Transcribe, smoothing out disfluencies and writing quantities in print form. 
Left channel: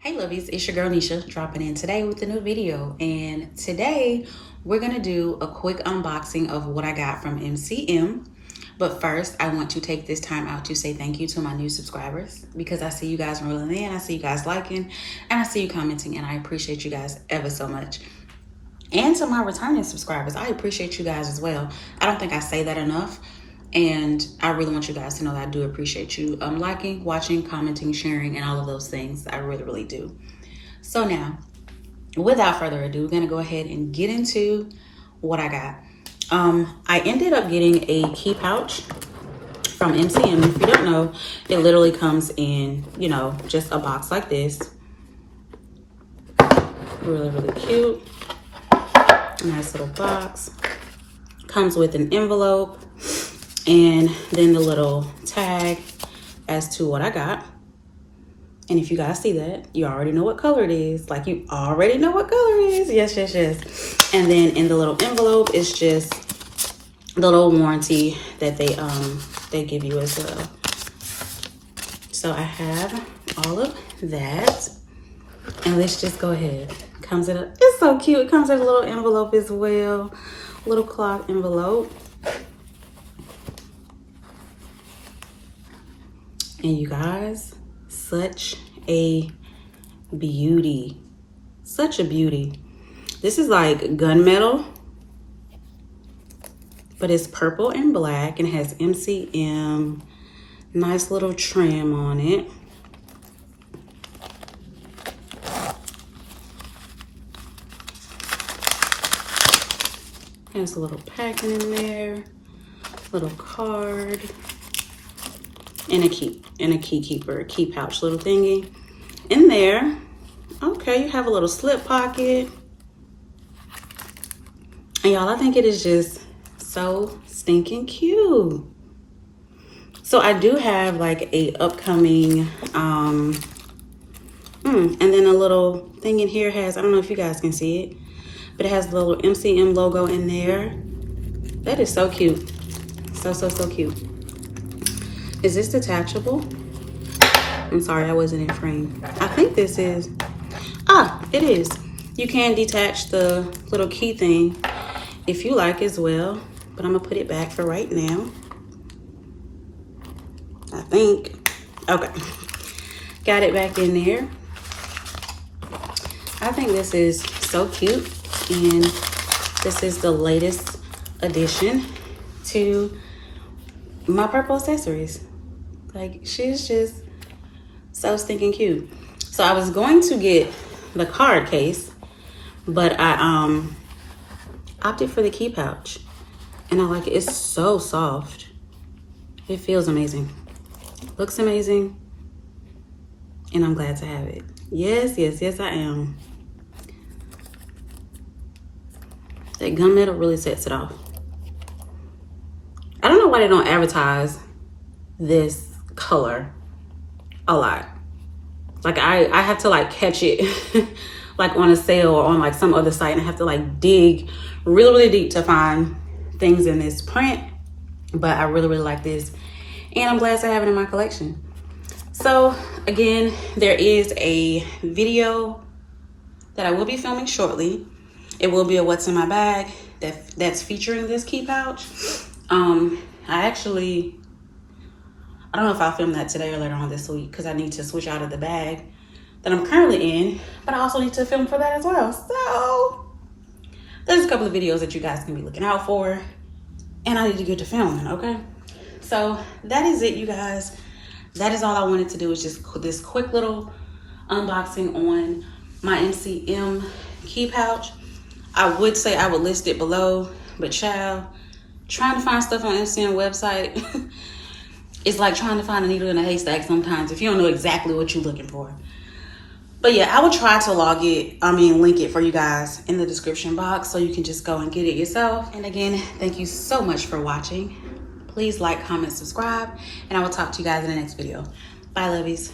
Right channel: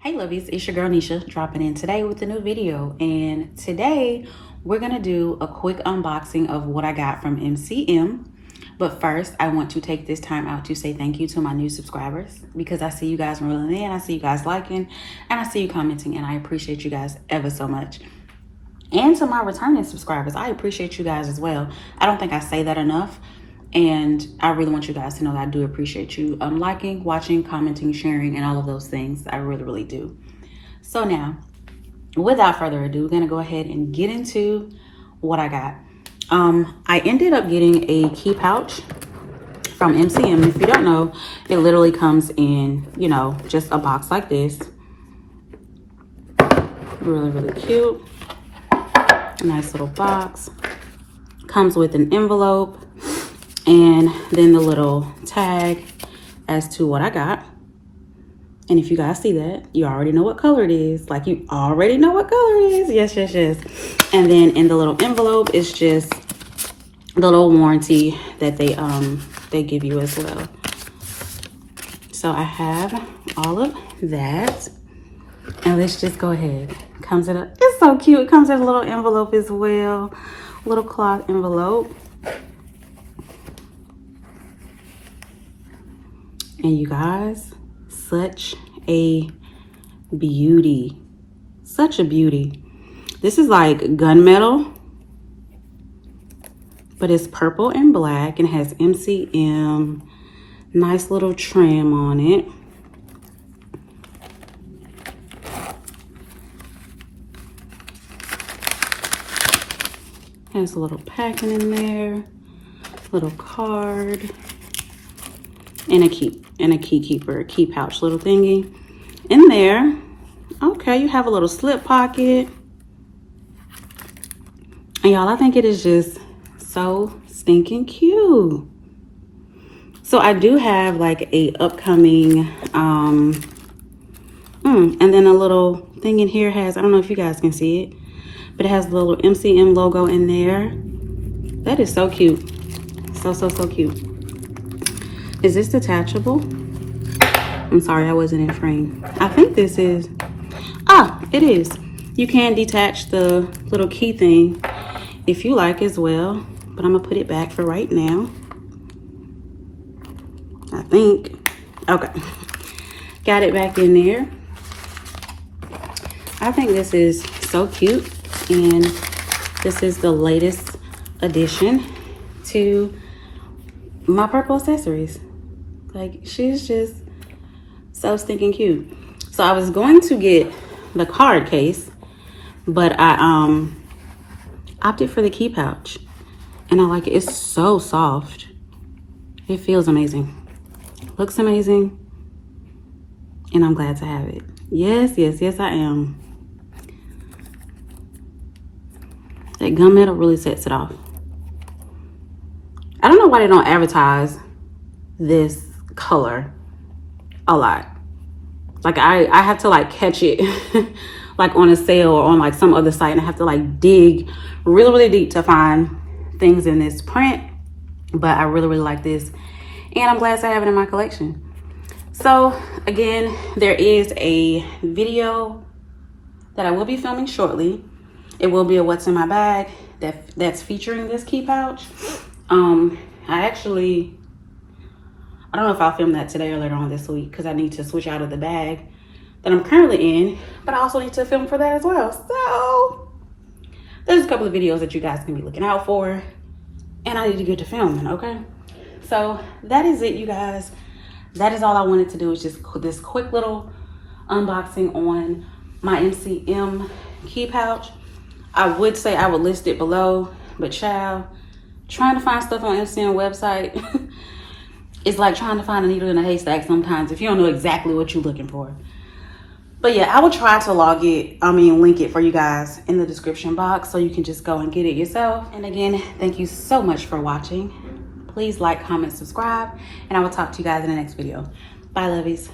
Hey lovies, it's your girl Nisha dropping in today with a new video, and today we're gonna do a quick unboxing of what I got from MCM. But first, I want to take this time out to say thank you to my new subscribers, because I see you guys rolling in, I see you guys liking, and I see you commenting, and I appreciate you guys ever so much. And to my returning subscribers, I appreciate you guys as well. I don't think I say that enough, and I really want you guys to know that I do appreciate you liking, watching, commenting, sharing, and all of those things. I really do. So now, without further ado, we're gonna go ahead and get into what I got. I ended up getting a key pouch from MCM. If you don't know, it literally comes in, you know, just a box like this. Really cute. Nice little box. Comes with an envelope and then the little tag as to what I got. And if you guys see that, you already know what color it is. Like, you already know what color it is. Yes. And then in the little envelope, it's just the little warranty that they give you as well. So I have all of that. And let's just go ahead. Comes in a, it's so cute. It comes in a little envelope as well. Little cloth envelope. And you guys, such a beauty. Such a beauty. This is like gunmetal, but it's purple and black and has MCM. Nice little trim on it. Has a little packing in there, little card, and a key pouch little thingy in there. Okay, you have a little slip pocket. And y'all, I think it is just so stinking cute. So I do have like a upcoming, and then a little thing in here has, I don't know if you guys can see it, but it has the little MCM logo in there. That is so cute. So cute. Is this detachable? I'm sorry, that wasn't in frame. I think this is, it is. You can detach the little key thing if you like as well, but I'm gonna put it back for right now. I think, okay. Got it back in there. I think this is so cute, and this is the latest addition to my purple accessories. Like, she's just so stinking cute. So I was going to get the card case, but I opted for the key pouch, and I like it. It's so soft. It feels amazing. Looks amazing, and I'm glad to have it. Yes, I am. That gunmetal really sets it off. I don't know why they don't advertise this color a lot. Like, I have to like catch it like on a sale or on like some other site, and I have to like dig really deep to find things in this print. But I really like this, and I'm glad to have it in my collection. So again, there is a video that I will be filming shortly. It will be a what's in my bag that's featuring this key pouch. I don't know if I'll film that today or later on this week, because I need to switch out of the bag that I'm currently in, but I also need to film for that as well. So there's a couple of videos that you guys can be looking out for, and I need to get to filming, okay? So that is it, you guys. That is all I wanted to do, is just this quick little unboxing on my MCM key pouch. I would say I would list it below, but child, trying to find stuff on MCM website, it's like trying to find a needle in a haystack sometimes if you don't know exactly what you're looking for. But yeah, I will try to link it for you guys in the description box, so you can just go and get it yourself. And again, thank you so much for watching. Please like, comment, subscribe, and I will talk to you guys in the next video. Bye, lovies.